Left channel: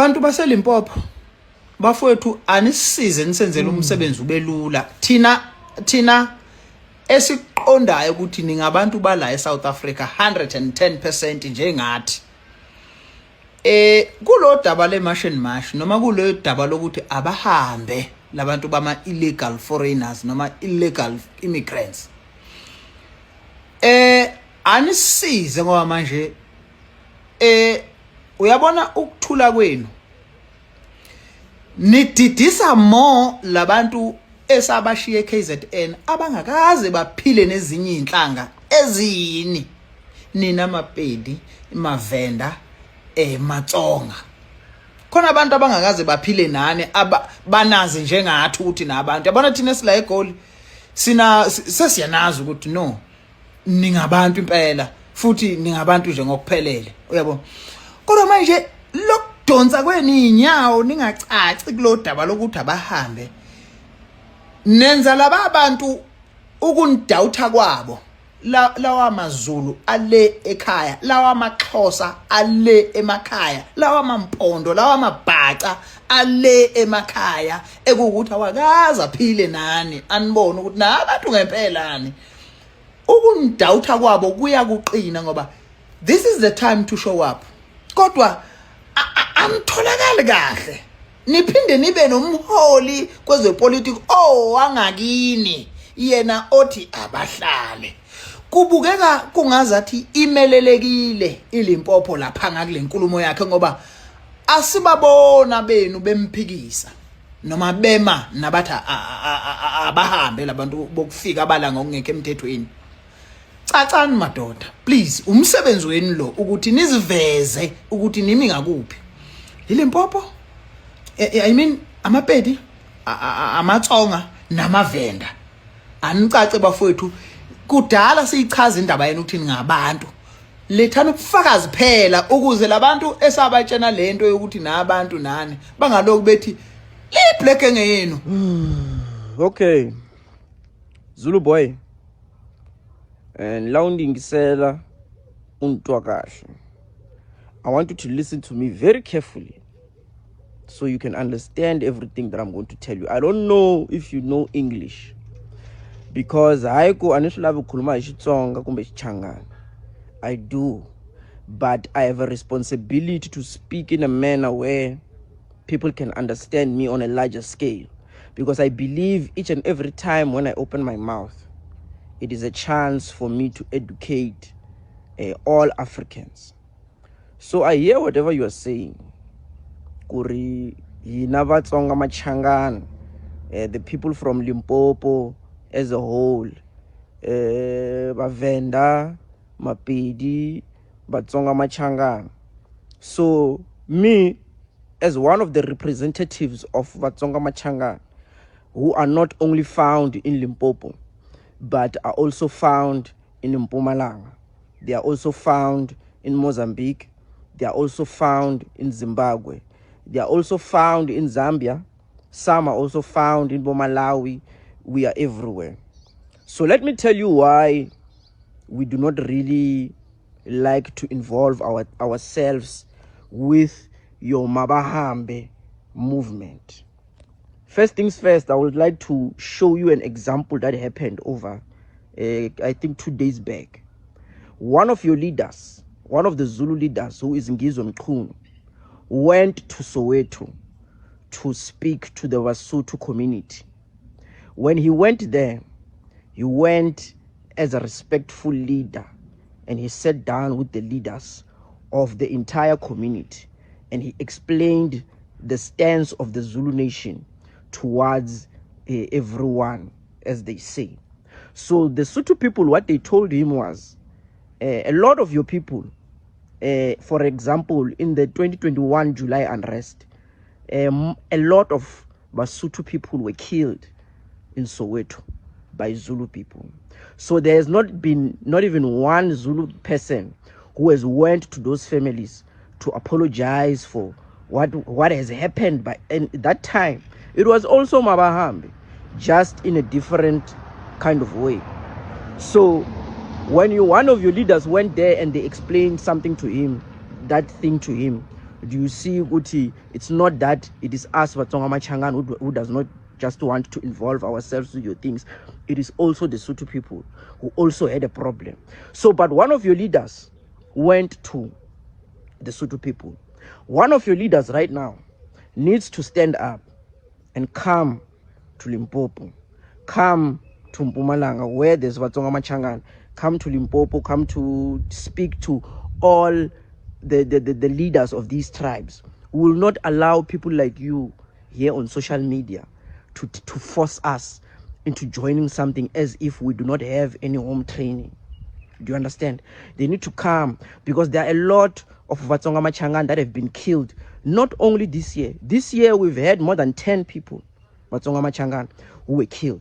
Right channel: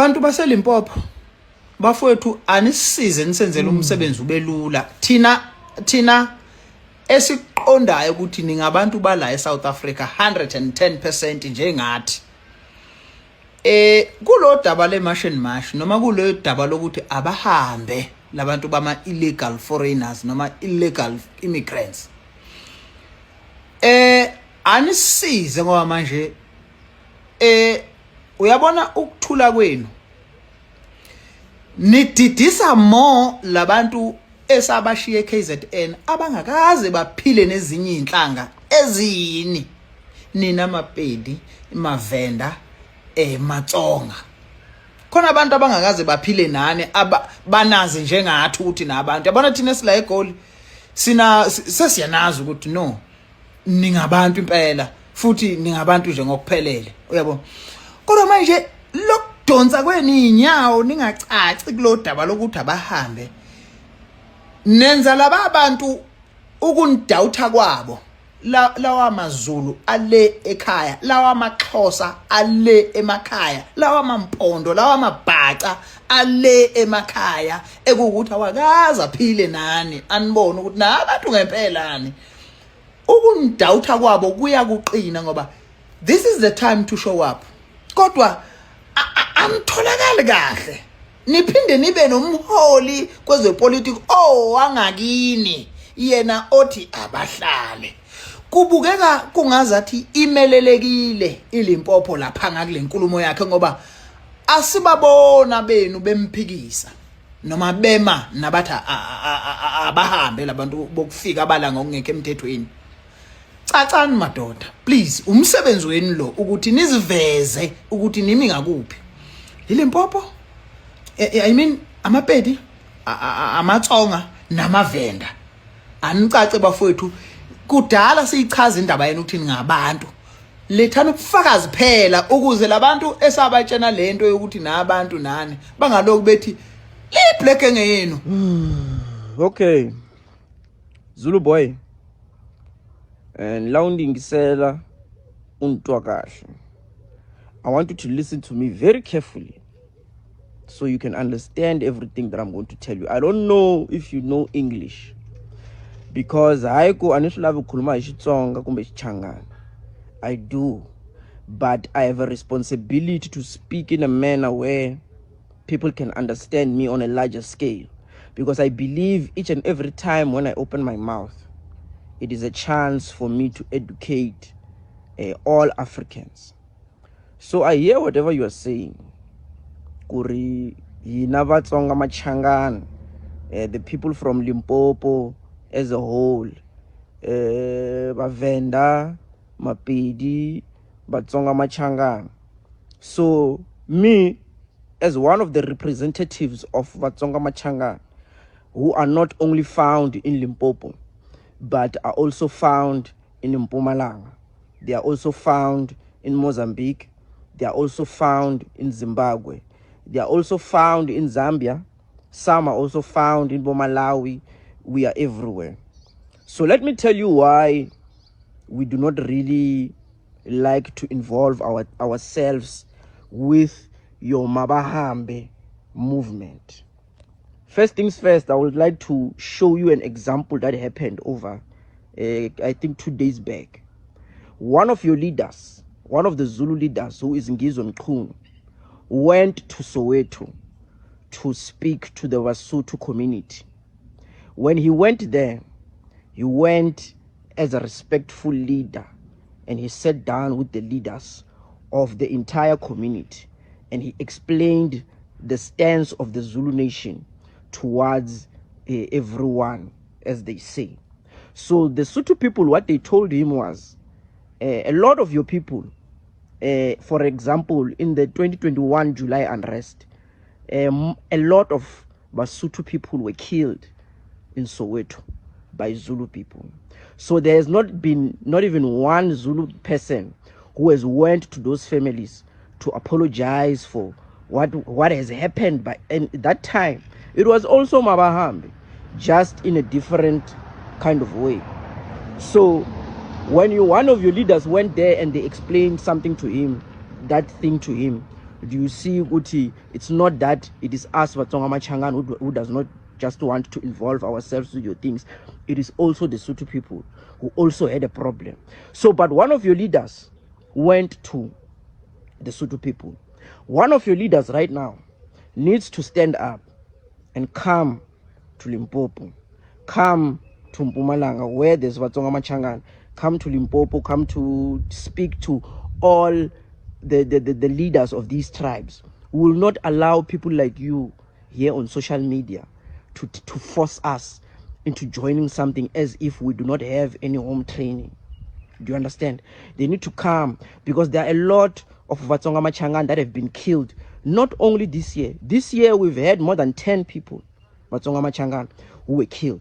Bantu baseLimpopo bafowethu anisize nisenzele umsebenzi ubelula thina esiqondayo ukuthi ningabantu bala eSouth Africa 110% njengathi kulo daba le-march noma kulo daba lokuthi abahambe labantu bama illegal foreigners noma illegal immigrants anisize ngoba manje uyabona ukuthula kwenu nididisa more labantu esabashiye KZN abangakaze baphile nezinye inhlanga ezini nina maPedi iMavenda maTsonga khona abantu abangakaze baphile nani banazi njengathi ukuthi nabantu yabona thina sila eGoli sesiyanazi ukuthi no ningabantu impela futhi ningabantu nje ngokuphelele uyabo kodwa manje lokudonsa kweni inyawo ningacaci kulodaba lokuthi abahambe nenza laba abantu ukundawutha kwabo lawa maZulu ale ekhaya lawa amaXhosa ale emakhaya lawa mampondo lawa mabhaca ale emakhaya ekukuthi awakaza phile nani anibone ukuthi nabantu ngempelani ukundawutha kwabo kuya kuqina ngoba this is the time to show up kodwa amtholakala kahle niphinde nibe nomholi kwezepolitiki wangakini yena othi abahlale kubukeka kungazathi imelelekile iLimpopo lapha ngakule nkulumo yakhe ngoba asibabona benu bemphikisa noma bema nabathi abahambe labantu bokufika abalanga ngeke emthethweni cacani madoda please umsebenzi wenu lo ukuthi niziveze ukuthi nimi ngakuphi iLimpopo I mean amaPedi amaTsonga namaVenda anicace bafowethu kudala siyichaza indaba yenu ukuthi ngabantu lethana ubufakazi phela ukuze labantu esabatshena lento yokuthi nabantu nani bangaloku bethi iblack engeyenu. Okay Zulu boy and laundingisela untwakasho. I want you to listen to me very carefully so you can understand everything that I'm going to tell you. I don't know if you know English because I do, but I have a responsibility to speak in a manner where people can understand me on a larger scale, because I believe each and every time when I open my mouth, it is a chance for me to educate all Africans. So I hear whatever you are saying. Kuri Yinavatsonga Machangan, the people from Limpopo as a whole, Bavenda, Mapedi, Batsonga Machangan. So me, as one of the representatives of Batsonga Machangan, who are not only found in Limpopo, but are also found in Mpumalanga. They are also found in Mozambique. They are also found in Zimbabwe. They are also found in Zambia. Some are also found in Malawi. We are everywhere. So let me tell you why we do not really like to involve ourselves with your Mabahambe movement. First things first, I would like to show you an example that happened over, I think 2 days back. One of your leaders, one of the Zulu leaders, who is Ngizwe Mchunu, went to Soweto to speak to the Basotho community. When he went there, he went as a respectful leader, and he sat down with the leaders of the entire community, and he explained the stance of the Zulu nation towards everyone, as they say. So the Sotho people, what they told him was, a lot of your people, for example, in the 2021 July unrest, a lot of Basotho people were killed in Soweto by Zulu people. So there has not been not even one Zulu person who has went to those families to apologize for what has happened by that time. It was also Mabahambe, just in a different kind of way. So when one of your leaders went there and they explained something to him, that thing to him, Do you see, Uti, it's not that it is us, Vatsonga Machangan, who does not just want to involve ourselves with your things. It is also the Sotho people who also had a problem. So, but one of your leaders went to the Sotho people. One of your leaders right now needs to stand up and come to Limpopo, come to Mpumalanga, where there's Vatsonga Machangan, come to Limpopo, come to speak to all the leaders of these tribes. We will not allow people like you here on social media to force us into joining something as if we do not have any home training. Do you understand? They need to come, because there are a lot of Vatsonga Machangan that have been killed. Not only this year. This year we've had more than 10 people, Vatsonga Machangan, who were killed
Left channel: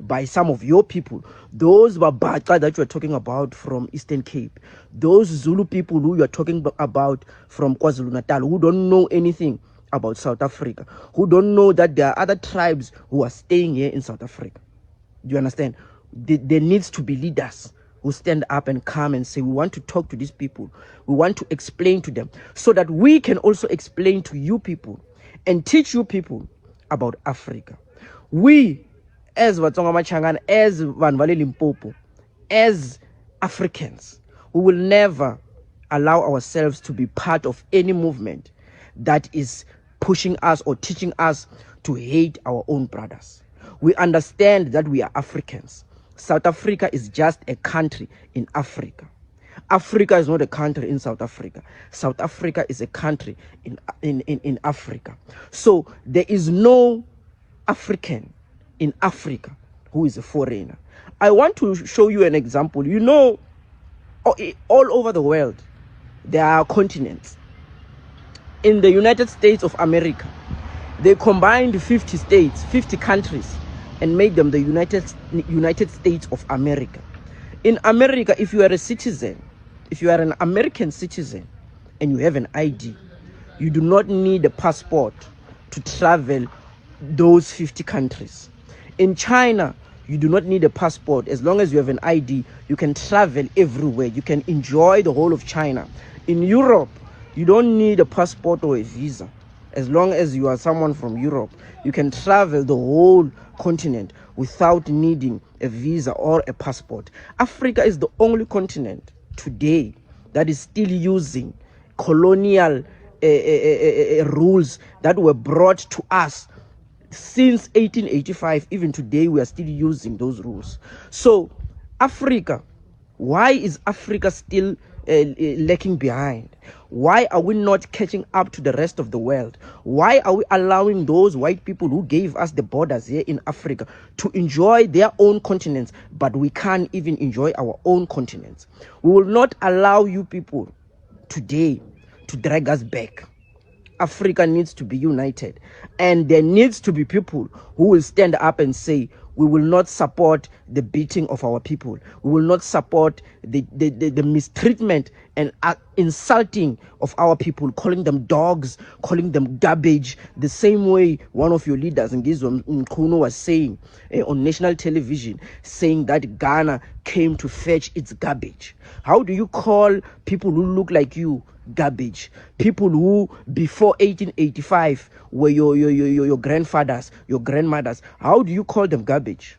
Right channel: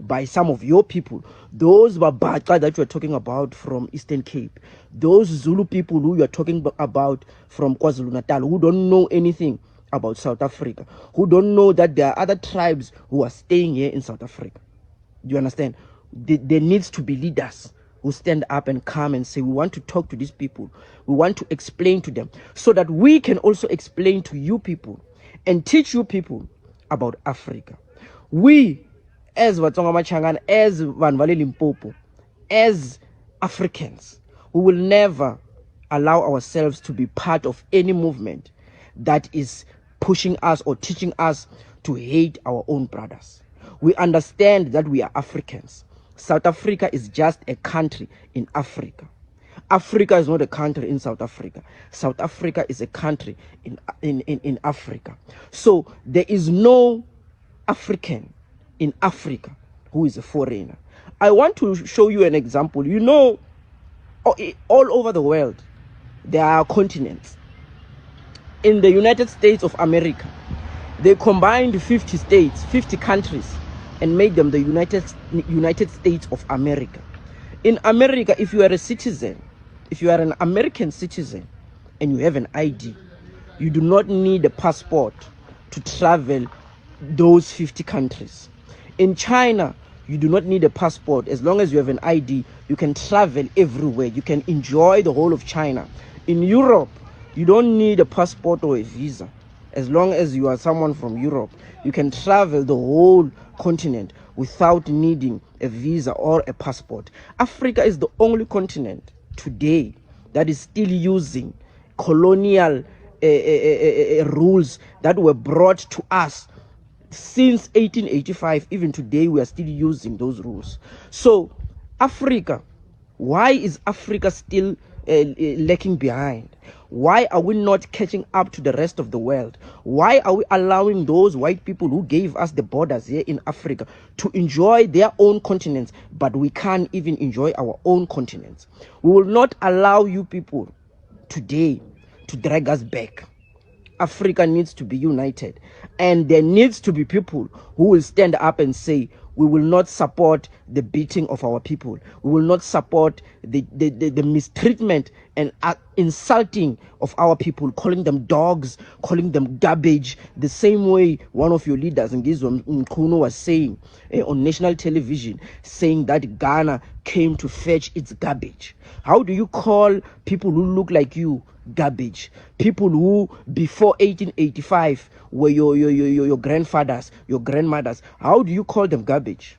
by some of your people. Those Babaka that you're talking about from Eastern Cape. Those Zulu people who you're talking about from KwaZulu-Natal, who don't know anything about South Africa, who don't know that there are other tribes who are staying here in South Africa. Do you understand? There needs to be leaders who stand up and come and say, we want to talk to these people. We want to explain to them, so that we can also explain to you people and teach you people about Africa. We, as Vatsonga Machangan, as Vanvale Limpopo, as Africans, we will never allow ourselves to be part of any movement that is pushing us or teaching us to hate our own brothers. We understand that we are Africans. South Africa is just a country in Africa. Africa is not a country in South Africa. South Africa is a country in Africa. So there is no African in Africa who is a foreigner. I want to show you an example. You know, all over the world, there are continents. In the United States of America, they combined 50 states, 50 countries, and made them the United States of America. In America, if you are a citizen, if you are an American citizen and you have an ID, you do not need a passport to travel those 50 countries. In China, you do not need a passport. As long as you have an ID, you can travel everywhere. You can enjoy the whole of China. In Europe, you don't need a passport or a visa. As long as you are someone from Europe, you can travel the whole continent without needing a visa or a passport. Africa is the only continent today that is still using colonial rules that were brought to us since 1885. Even today, we are still using those rules. So, Africa, why is Africa still lagging behind? Why are we not catching up to the rest of the world? Why are we allowing those white people who gave us the borders here in Africa to enjoy their own continents, but we can't even enjoy our own continents? We will not allow you people today to drag us back. Africa needs to be united, and there needs to be people who will stand up and say, we will not support the beating of our people. We will not support the mistreatment and insulting of our people, calling them dogs, calling them garbage, the same way one of your leaders, and this one Nkunu, was saying on national television, saying that Ghana came to fetch its garbage. How do you call people who look like you garbage? People who before 1885 were your grandfathers, your grandmothers. How do you call them garbage?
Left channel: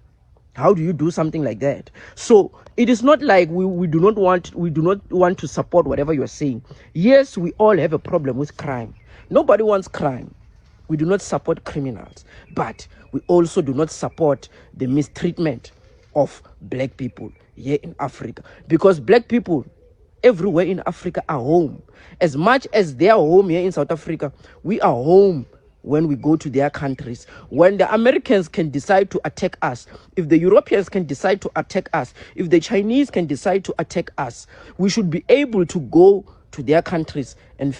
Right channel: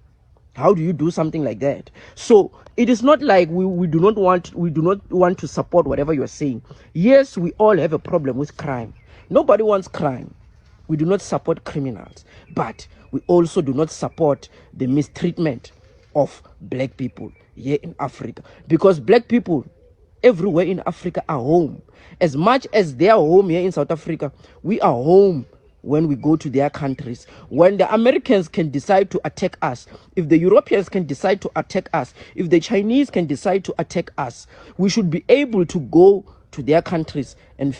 How do you do something like that? So it is not like we do not want to support whatever you are saying. Yes, we all have a problem with crime. Nobody wants crime. We do not support criminals, but we also do not support the mistreatment of black people here in Africa, because black people everywhere in Africa are home. As much as they are home here in South Africa, we are home when we go to their countries. When the Americans can decide to attack us, if the Europeans can decide to attack us, if the Chinese can decide to attack us, we should be able to go to their countries and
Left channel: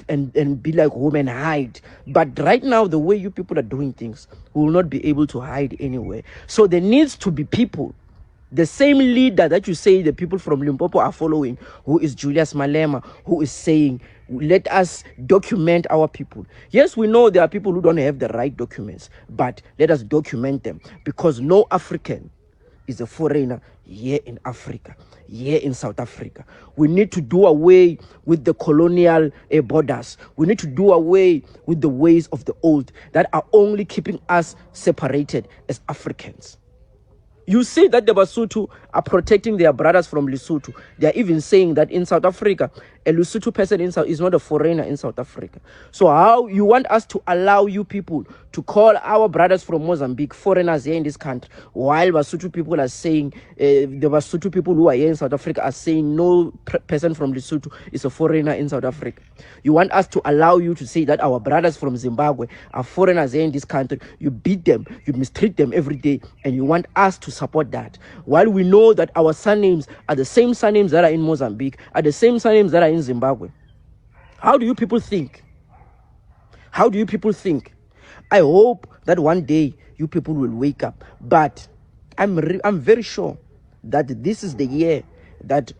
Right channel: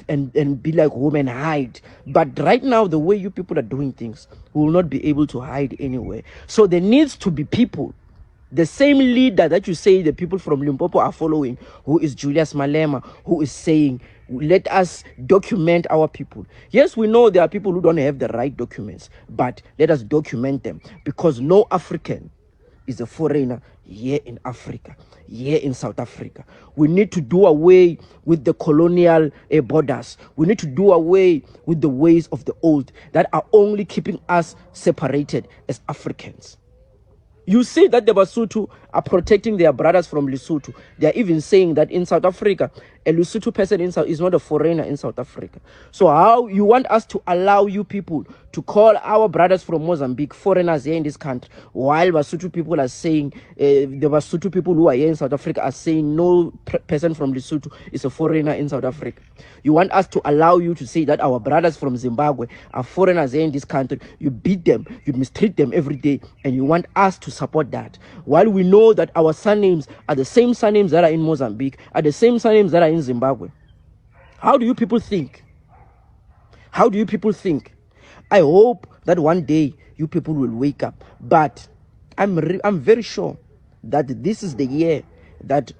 be like home and hide. But right now, the way you people are doing things, we will not be able to hide anywhere. So there needs to be people, the same leader that you say the people from Limpopo are following, who is Julius Malema, who is saying, let us document our people. Yes, we know there are people who don't have the right documents, but let us document them, because no African is a foreigner here in Africa. here in South Africa. We need to do away with the colonial borders. We need to do away with the ways of the old that are only keeping us separated as Africans. You see that the Basotho are protecting their brothers from Lesotho. They are even saying that in South Africa, a Lesotho person is not a foreigner in South Africa. So how you want us to allow you people to call our brothers from Mozambique foreigners here in this country, while Basotho people are saying, the Basotho people who are here in South Africa are saying no person from Lesotho is a foreigner in South Africa. You want us to allow you to say that our brothers from Zimbabwe are foreigners here in this country. You beat them, you mistreat them every day, and you want us to support that. While we know that our surnames are the same surnames that are in Mozambique, are the same surnames that are in Zimbabwe. How do you people think? How do you people think? I hope that one day you people will wake up. But I'm very sure that this is the year that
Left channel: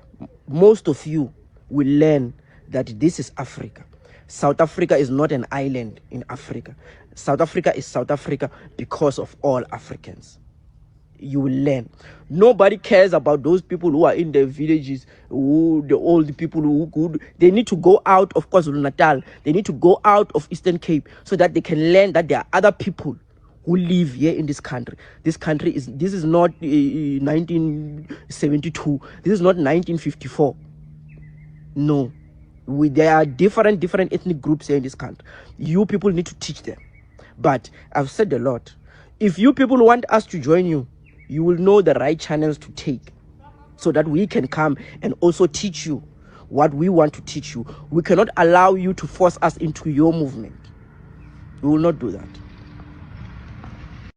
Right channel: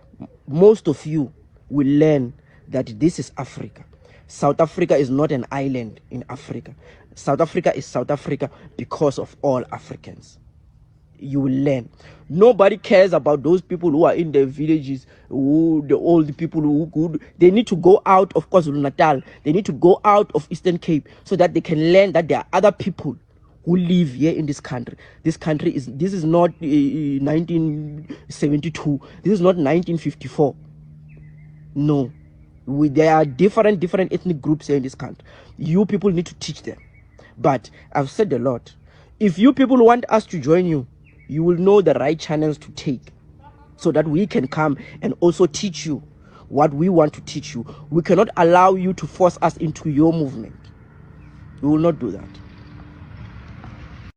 most of you will learn that this is Africa. South Africa is not an island in Africa. South Africa is South Africa because of all Africans. You will learn. Nobody cares about those people who are in the villages, the old people who could. They need to go out of KwaZulu-Natal. They need to go out of Eastern Cape so that they can learn that there are other people who live here in this country. This is not 1972. This is not 1954. No. There are different ethnic groups here in this country. You people need to teach them. But I've said a lot. If you people want us to join you, you will know the right channels to take so that we can come and also teach you what we want to teach you. We cannot allow you to force us into your movement. We will not do that.